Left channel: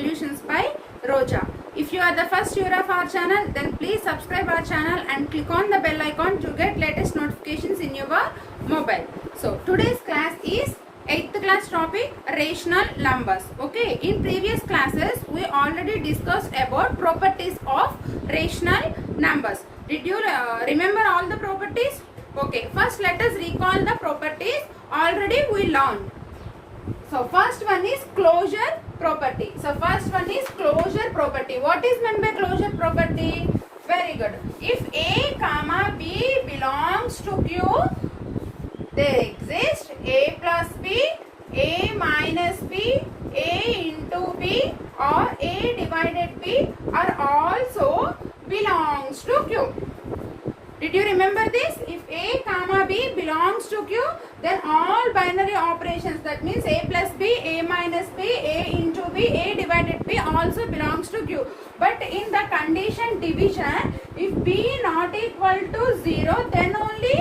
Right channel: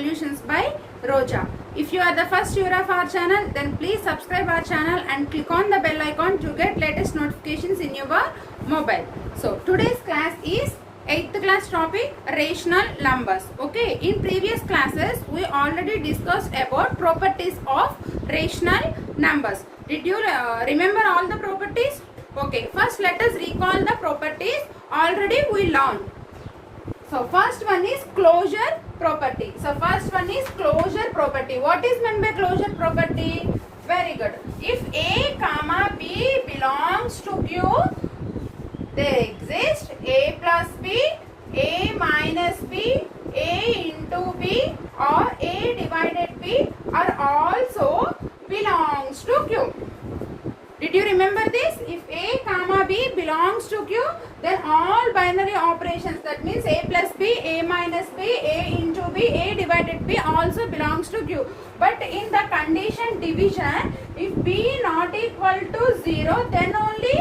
solutions by Roja. If you are the first viewer of our channel, then please subscribe our channel and click on the bell icon to get latest notifications in your mobile. So today's class is 8th class topic rational numbers. Okay, in previous classes we already discussed about properties of rational numbers. Did you remember all the properties? Okay, first let us recall the properties already we learned. So first one is closure property. What is meant by closure property? Very good. If A comma B belongs to Q, there exists A plus B, A minus B, A into B or A divided B are also belongs to Q. Did you remember this? If A comma B belongs to Q, then all binary operations, that means A plus B, A minus B, A into B, A divided B also belongs to Q. But in the condition division, if B not equal to 0, then only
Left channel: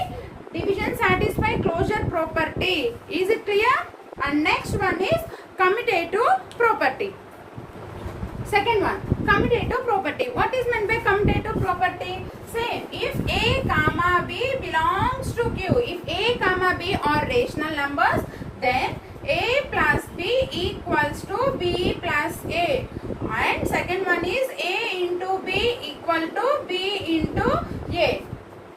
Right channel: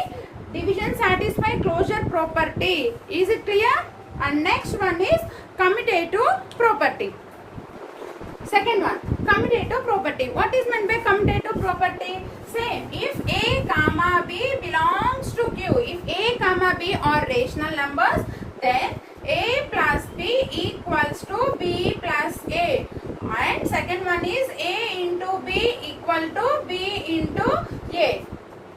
division satisfy closure property. Is it clear? And next one is commutative property. Second one, commutative property. What is meant by commutative property? Same. If A comma B belongs to Q, if A comma B are rational numbers, then A plus B equals to B plus A. And second one is A into B equal to B into A.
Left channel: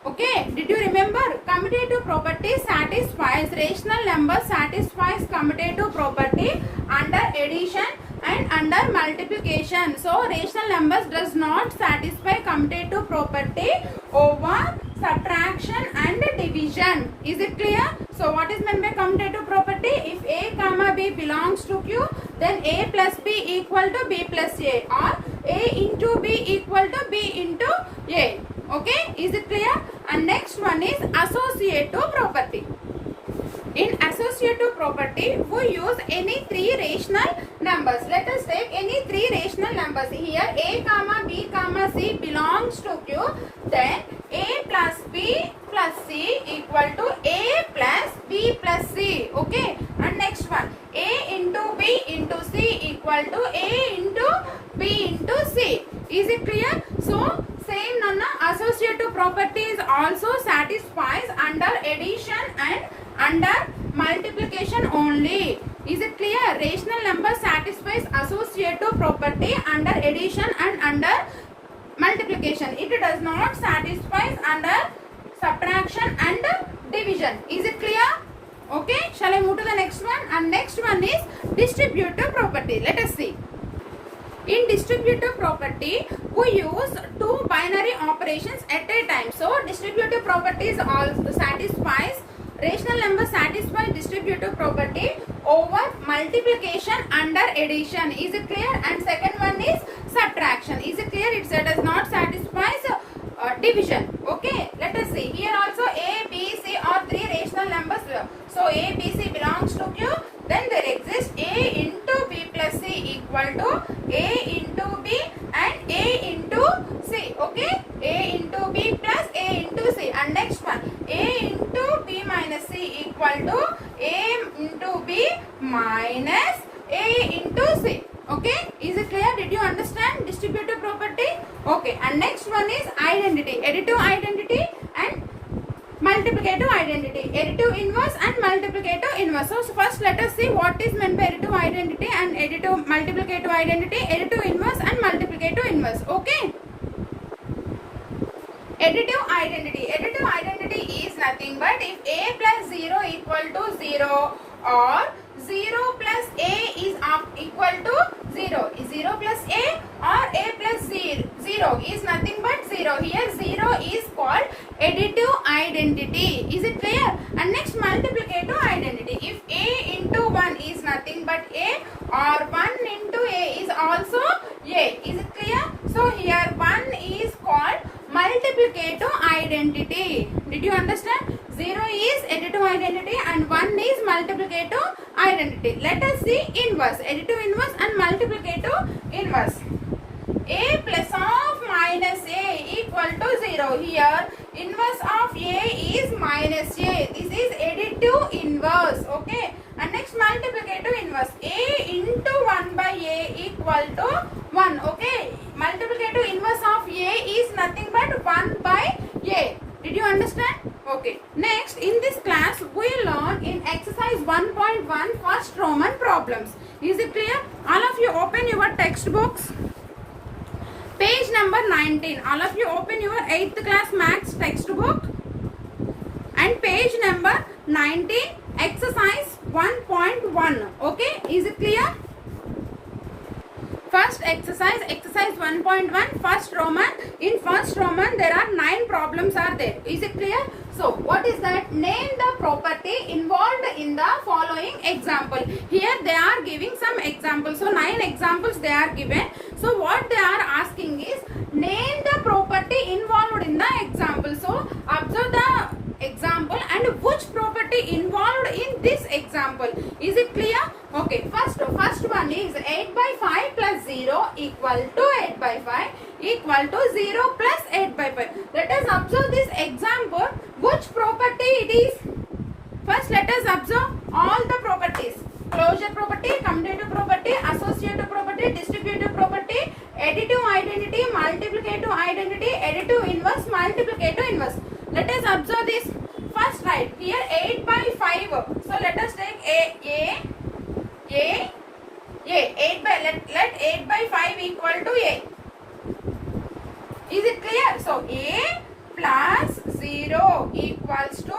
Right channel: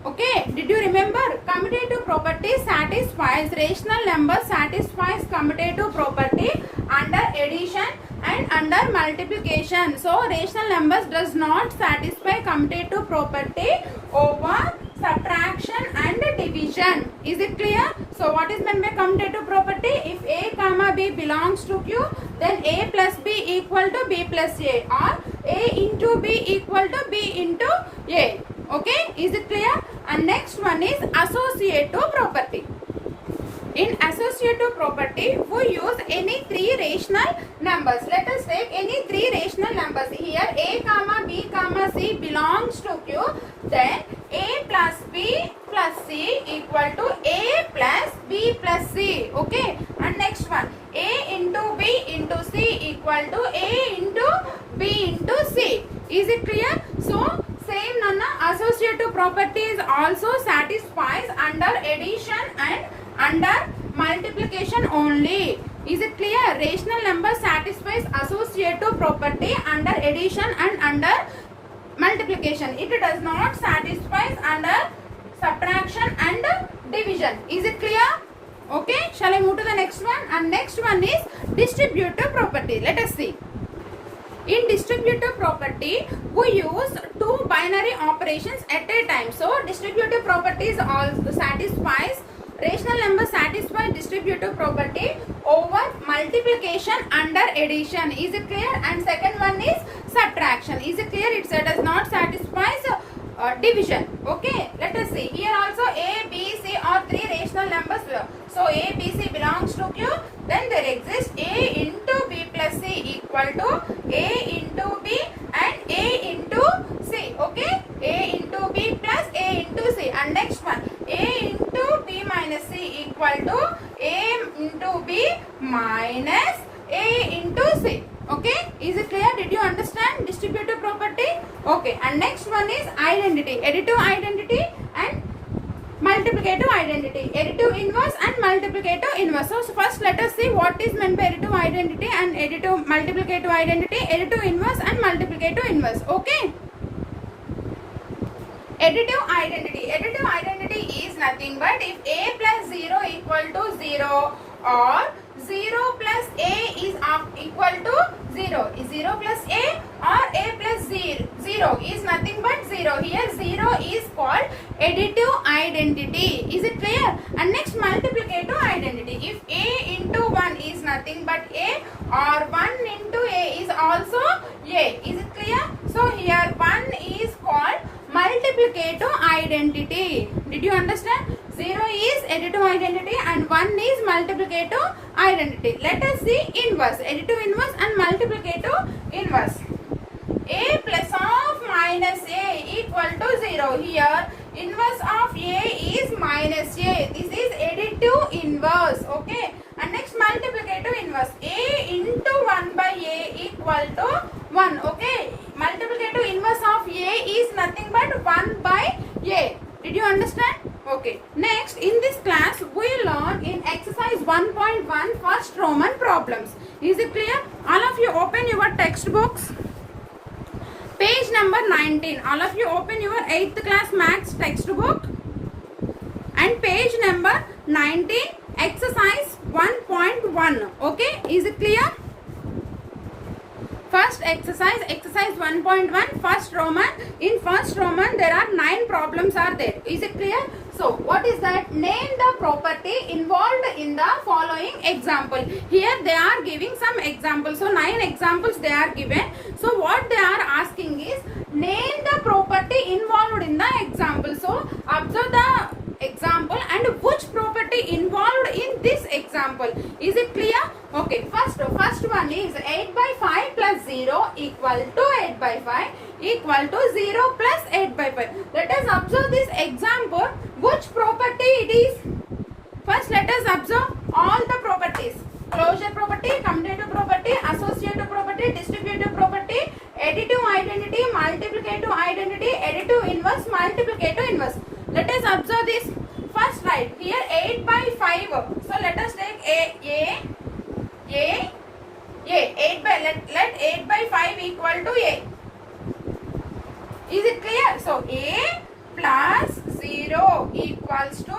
Okay, did you remember? Commutative property satisfies rational number, satisfies commutative property under addition and under multiplication. So rational numbers does not satisfy commutative property over subtraction and division. Is it clear? So what is meant by commutative property? If A comma B belongs to Q, then A plus B equal to B plus A or A into B equal to B into A. Okay, is it clear? And next one is associative property. In associative property, we use any three rational numbers. Let us take any three rational numbers. Here A comma B comma C belongs to Q. Then A plus B plus C equal to A plus B plus C. Okay. And next one, A into B into C equal to A into B into C. Is it clear? So same Nana, associative properties also satisfies under addition and under multiplication only. Is it clear? Rational number satisfies associative property under addition and under multiplication. It does not satisfy under subtraction and division. Is it clear? Okay, shall I move to the next one? And next one is distributive property. Let us see. In distributive property, we use two binary operations at a time. So distributive properties also satisfies, rational number satisfies distributive property over multiplication under addition. Is it clear? And second one is subtraction. Is it clear? It does not satisfy division. Okay, let us see. Here also A, B, C are three rational numbers. So A, B, C belongs to Q. Then there exists A into B plus C equal to A into B and A into C. Okay, A into B plus A into C. And next one, A into B minus C equal to A into B minus A into C. Okay, is it clear? Did you understand distributive property? Okay, and next one is identity, additive identity and multiplicative identity, additive inverse and multiplicative inverse. So first let us see what is meant by additive identity and additive multiplicative identity, additive inverse and multiplicative inverse. Okay. Additive identity is nothing but if A plus 0 equal to 0 or 0 plus A is equal to 0. Is 0 plus A or A plus 0 is nothing but 0. Here 0 is called additive identity. Is it clear? And next multiplicative identity. If A into 1 is nothing but A or 1 into A is also A. Is it clear? So here 1 is called multiplicative identity. Did you understand? 0 is additive identity and 1 is multiplicative identity. Let us see inverse, additive inverse and multiplicative inverse. A plus of minus A equal to 0. Here inverse of A is minus A. This is additive inverse. Okay. And next multiplicative inverse. A into 1 by A equal equal to 1. Okay, multiplicative inverse of A is nothing but 1 by A. Did you understand? Okay, next in this class we learn in exercise 1.1 first Roman problems. Is it clear? All of you open your textbooks. Page number 19. All of you open your 8th class maths textbook and page number 19, exercise 1.1. Okay, is it clear? First exercise 1.1 first Roman. In first Roman there are 9 problems are there. Is it clear? So what is that? Name the property involved in the following example. Here they are giving some examples. So 9 examples they are given. So what they are asking is name the property involved in the example. So observe the example and which property involved in this example. Is it clear? Okay, first one is 8 by 5 plus 0 equal to 8 by 5 equal to 0 plus 8 by 5. Let us observe this example. Which property it is? First let us observe all the properties. Closure property, commutative property, associative property, distributive property, additive identity, multiplicative identity, additive inverse, multiplicative inverse. Let us observe this. First write here 8 by 5. So let us take A. 8 by let 8 by 5 equal to A. Is it clear? So A plus 0 equals to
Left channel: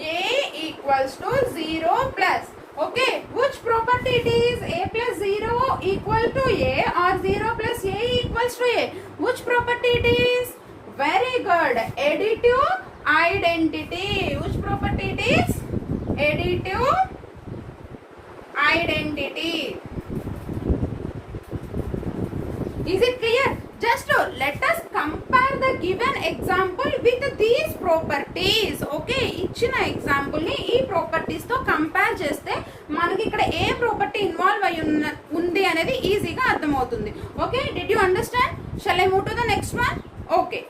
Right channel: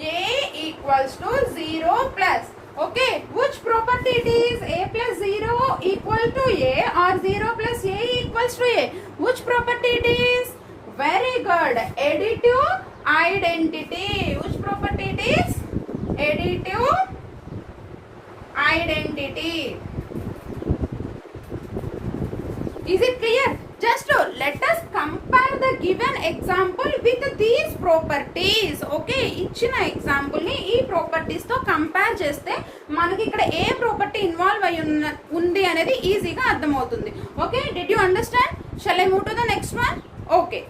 A equals to 0 plus. Okay, which property it is? A plus 0 equal to A or 0 plus A equals to A? Which property it is? Very good. Additive identity. Which property it is? Additive identity. Is it clear? Just let us compare the given example with these properties. Okay, ఇచ్చిన example ని ఈ properties తో compare చేస్తే మనకి ఇక్కడ ఏ property involve అయి ఉంది అనేది ఈజీగా అర్థమవుతుంది. Okay, did you understand? Shall I move to the next one? Okay,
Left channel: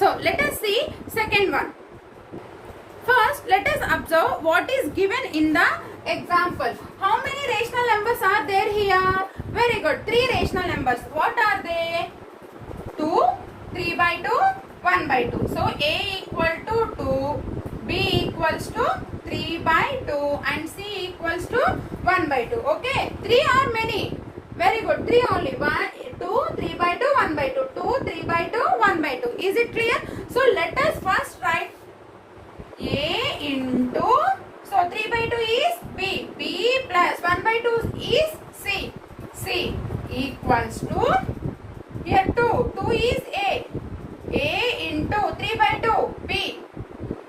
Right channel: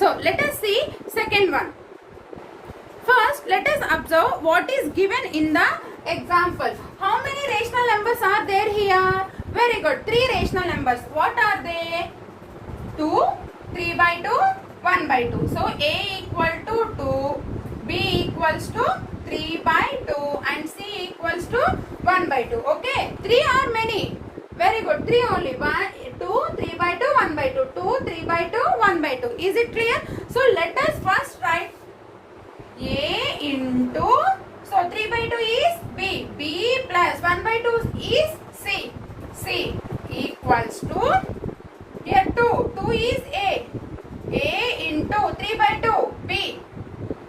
so let us see second one. First let us observe what is given in the example. How many rational numbers are there here? Very good, 3 rational numbers. What are they? 2, 3 by 2, 1 by 2. So A equal to 2, B equals to 3 by 2 and C equals to 1 by 2. Okay, 3 or many? Very good, 3 only. 1, 2, 3 by 2, 1 by 2. 2, 3 by 2, 1 by 2. Is it clear? So let us first write A into, so 3 by 2 is B. B plus 1 by 2 is C. C equals to, here 2. 2 is A. A into 3 by 2, B.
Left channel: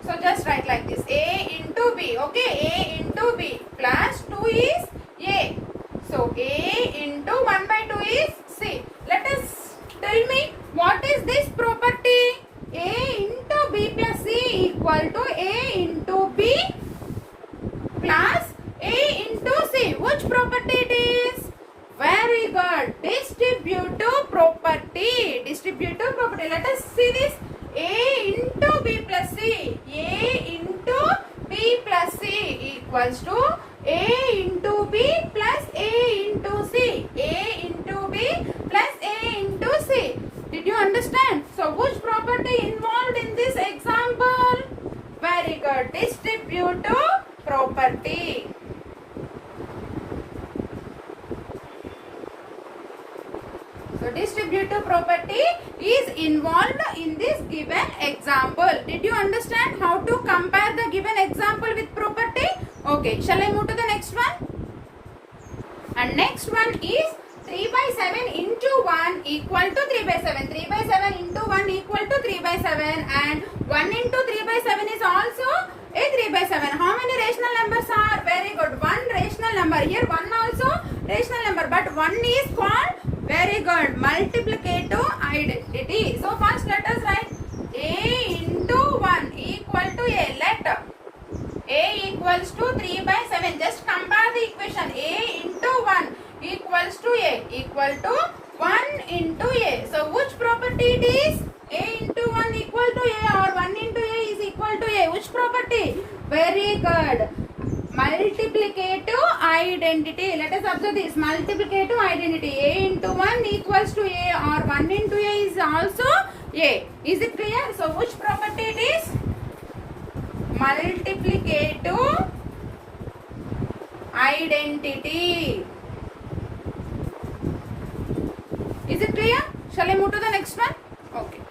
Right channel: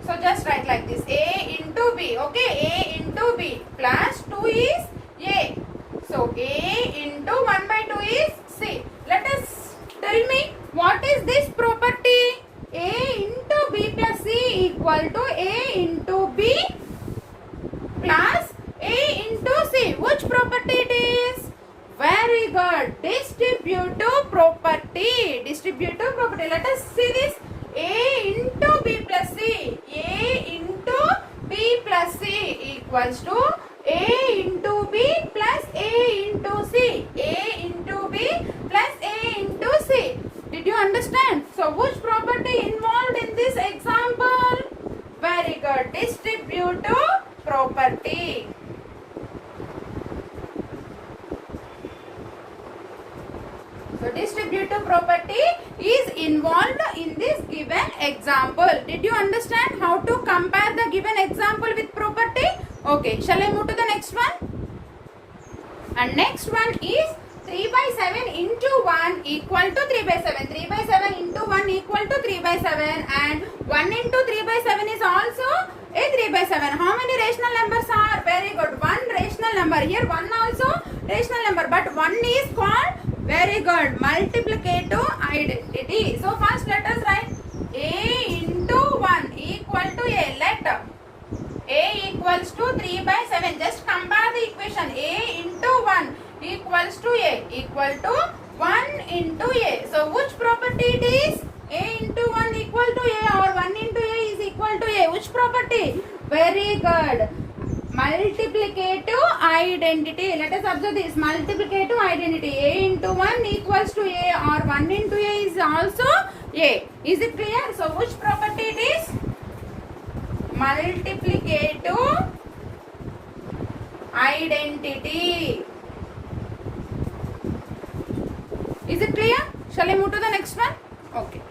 So just write like this. A into B. Okay, A into B plus 2 is A. So A into 1 by 2 is C. Let us tell me what is this property? A into B plus C equal to A into B plus A into C. Which property it is? Very good. Distributive property. Distributive property. Let us see this. A into B plus C. A into B plus C equals to A into B plus A into C. A into B plus A into C. Did you understand? So which property involved in this example? Very good. Distributive property. So distributive property is involved in this given example. Did you understand how to compare the given example with property? Okay, shall I move to the next one? And next one is 3 by 7 into 1 equal to 3 by 7. 3 by 7 into 1 equal to 3 by 7 and 1 into 3 by 7 is also a 3 by 7. How many rational numbers are? Very good. 1 rational number. Here 1 also rational number, but 1 is called, very good, multiplicative identity. So first let us write A into 1 equal to A. Let A equals to 3 by 7. Just compare the equation. A into 1 equals to A equal to 1 into A. So which property it is? A into 1 equal to A or 1 into A is equal to A. Which property? Very good. multiplicative identity. Let us observe this multiplicative identity. A into 1 equals to A, or 1 into A is also A. Is it clear? So which property it is? Multiplicative identity. Is it clear? Shall I move to the next one? Okay.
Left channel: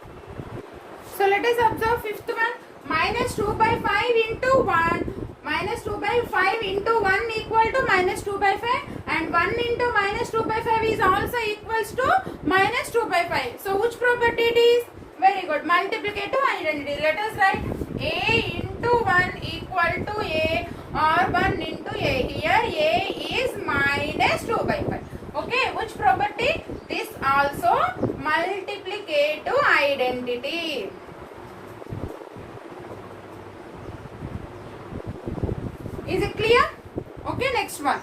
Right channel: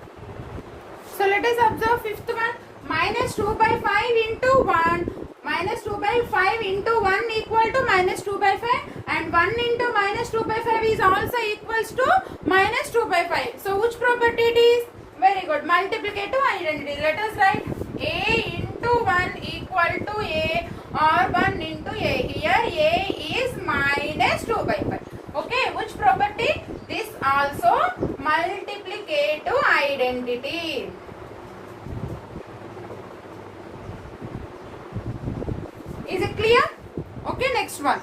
So let us observe fifth one. Minus 2 by 5 into 1. Minus 2 by 5 into 1 equal to minus 2 by 5. And 1 into minus 2 by 5 is also equals to minus 2 by 5. So which property it is? Very good. Multiplicative identity. Let us write A into 1 equal to A, or 1 into A. Here A is minus 2 by 5. Okay. Which property? This also multiplicative identity. Is it clear? Okay, next one.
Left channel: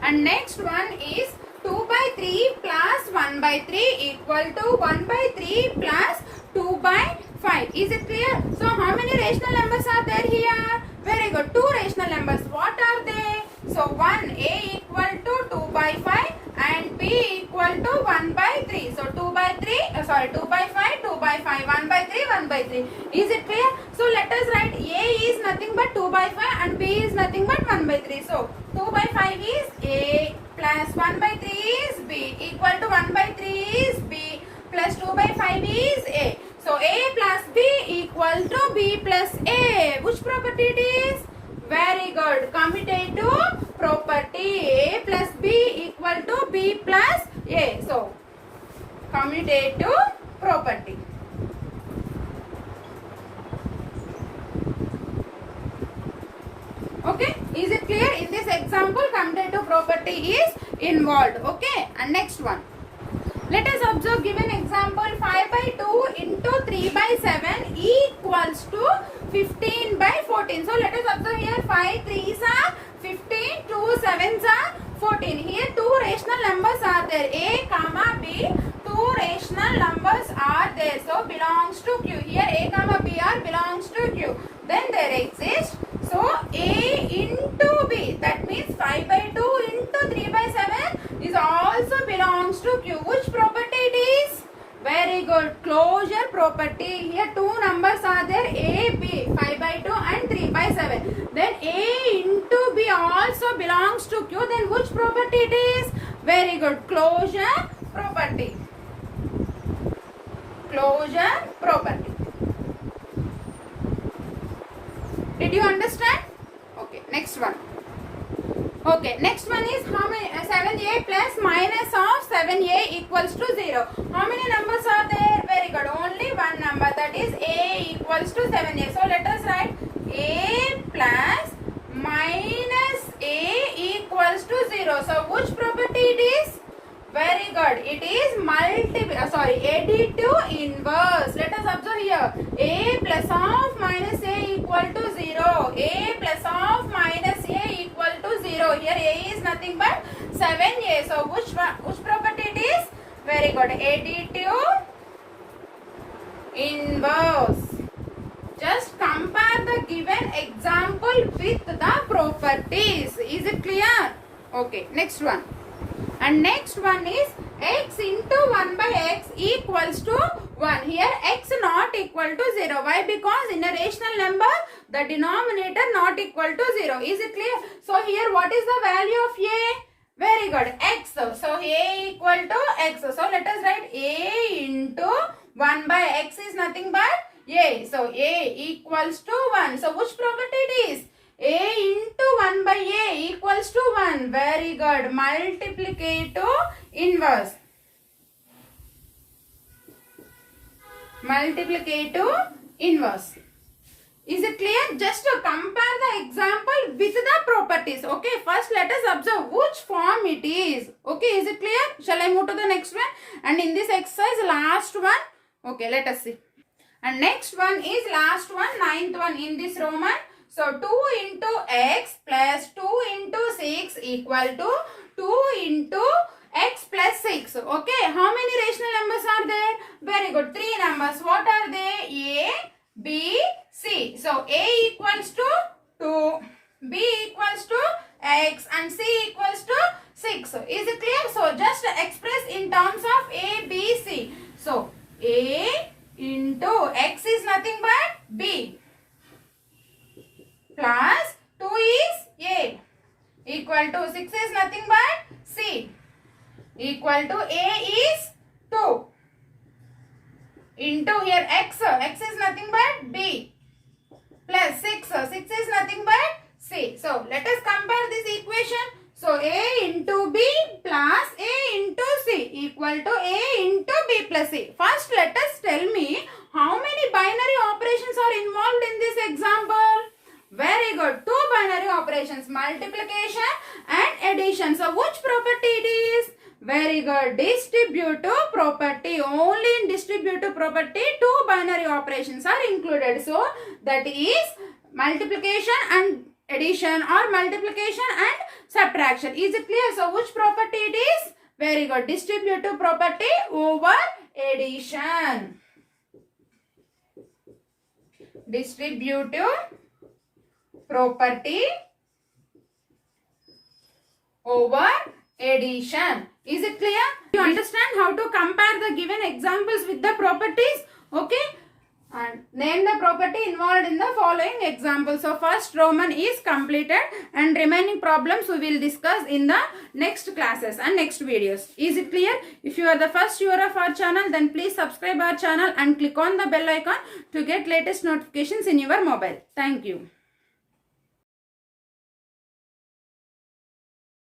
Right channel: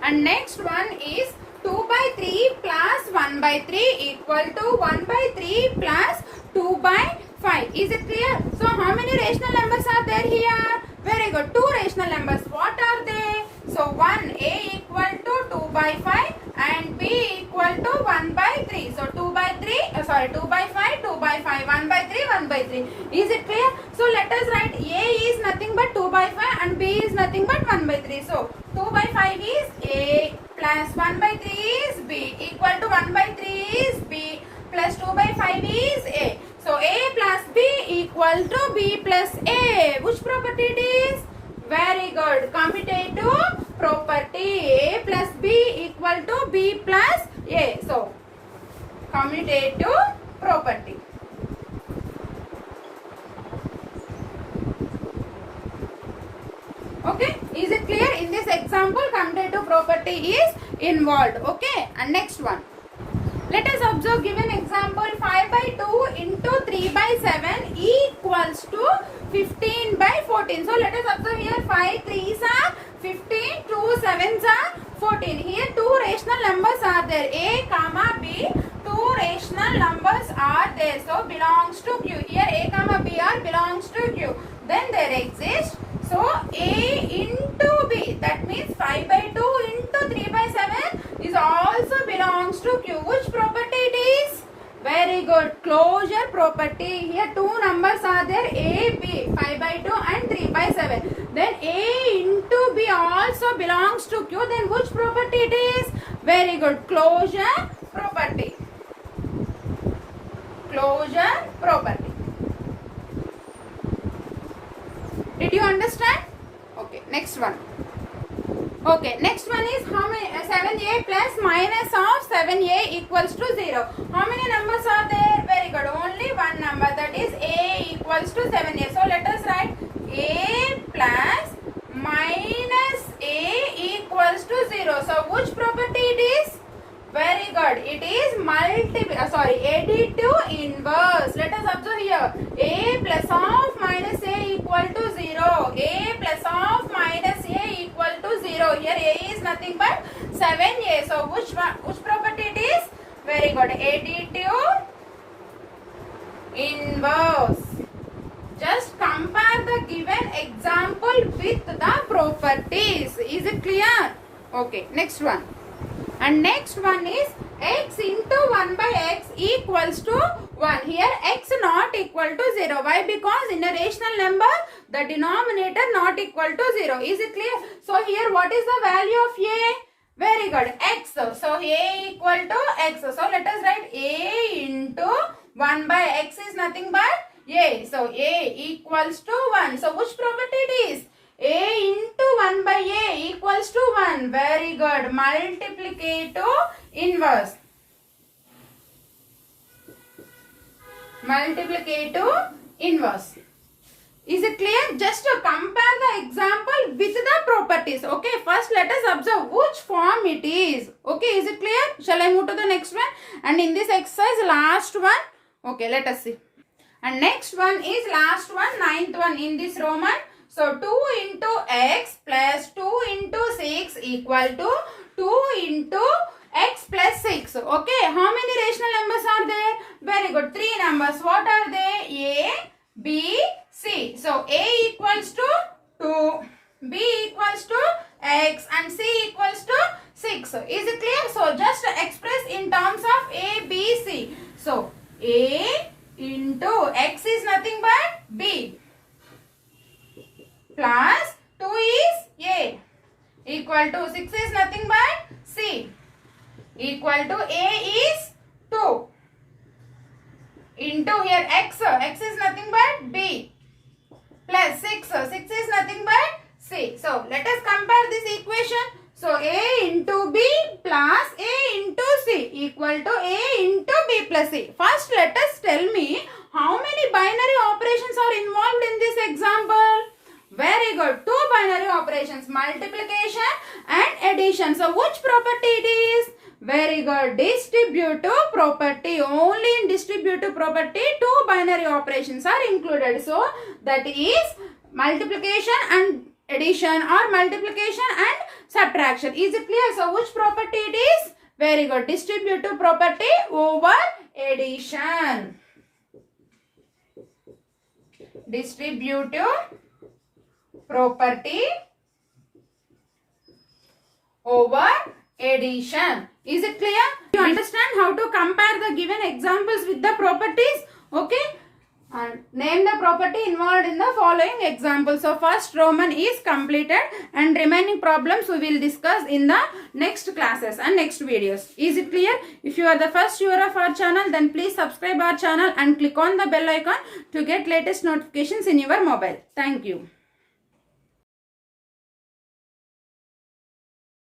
And next one is 2 by 3 plus 1 by 3 equal to 1 by 3 plus 2 by 5. Is it clear? So how many rational numbers are there here? Very good. 2 rational numbers. What are they? So 1, A equal to 2 by 5 and B equal to 1 by 3. So 2 by 5, 2 by 5, 1 by 3, 1 by 3. Is it clear? So let us write A is nothing but 2 by 5 and B is nothing but 1 by 3. So 2 by 5 is A plus 1 by 3 is B equal to 1 by 3 is B plus 2 by 5 is A. So A plus B equal to B plus A. Which property it is? Very good. Commutative property. A plus B equal to B plus A. So commutative property. Okay. Is it clear? In this example, commutative property is involved. Okay. And next one. Let us observe given example 5 by 2 into 3 by 7 equals to 15 by 14. So let us observe here 5 3s are 15, 2 7s are 14. Here two rational numbers are there. A comma B, two rational numbers are there. So belongs to Q. Here A comma B are belongs to Q. Then there exists. So A into B, that means 5 by 2 into 3 by 7 is also belongs to Q. Which property it is? Very good. Closure property. Here two numbers are there. A, B, 5 by 2 and 3 by 7. Then A into B also belongs to Q. Then which property it is? Very good. Closure property. Closure property. Did you understand? Okay, next one. Okay, next one is how many 7a plus minus of 7a equals to 0. How many numbers are there? Very good. Only one number, that is a equals to 7a. So let us write a plus minus a equals to 0. So which property it is? Very good. It is additive inverse. Let us observe here. A plus of minus a equal to 0. A plus of minus a equal to 0. Here a is nothing but 7a. So which property it is? Very good. Additive inverse. Just compare the given example with the properties. Is it clear? Okay. Next one. And next one is x into 1 by x equals to 1. Here x not equal to 0. Why? Because in a rational number, the denominator not equal to 0. Is it clear? So here what is the value of a? Very good. X. So a equal to x. So let us write a into 1 by x is nothing but a. So a equals to 1. So which property it is? A into 1 by a equals to 1. Very good. Multiplicative inverse. Multiplicative inverse. Is it clear? Just to compare the example with the properties. Okay. First let us observe which form it is. Okay. Is it clear? Shall I move to the next one? And in this exercise, last one. Okay. Let us see. And next one is last one, ninth one in this Roman. So 2 into x plus 2 into 6 equal to 2 into x plus 6. Okay. How many rational numbers are there? Very good. 3 numbers. What are they? A, B, C. So A equals to 2. B equals to x and C equals to 6. Is it clear? So just express in terms of A, B, C. So A into x is nothing but B plus 2 is A equal to 6 is nothing but C equal to A is 2 into here x is nothing but B plus 6 is nothing but C. So let us compare this equation. So A into B plus A into C equal to A into B plus C. First let us tell me how many binary operations are involved in this example. Very good. Two binary operations, multiplication and addition. So which property it is? Very good. Distributive property. Only in distributive property two binary operations are included. So that is multiplication and addition or multiplication and subtraction. Is it clear? So which property it is? Very good. Distributive property over addition. Distributive property over addition. Is it clear? You understand how to compare the given examples with the properties? Okay. And name the property involved in the following examples. So first Roman is completed and remaining problems we will discuss in the next classes and next videos. Is it clear? If you are the first viewer of our channel, then please subscribe our channel and click on the bell icon to get latest notifications in your mobile. Thank you.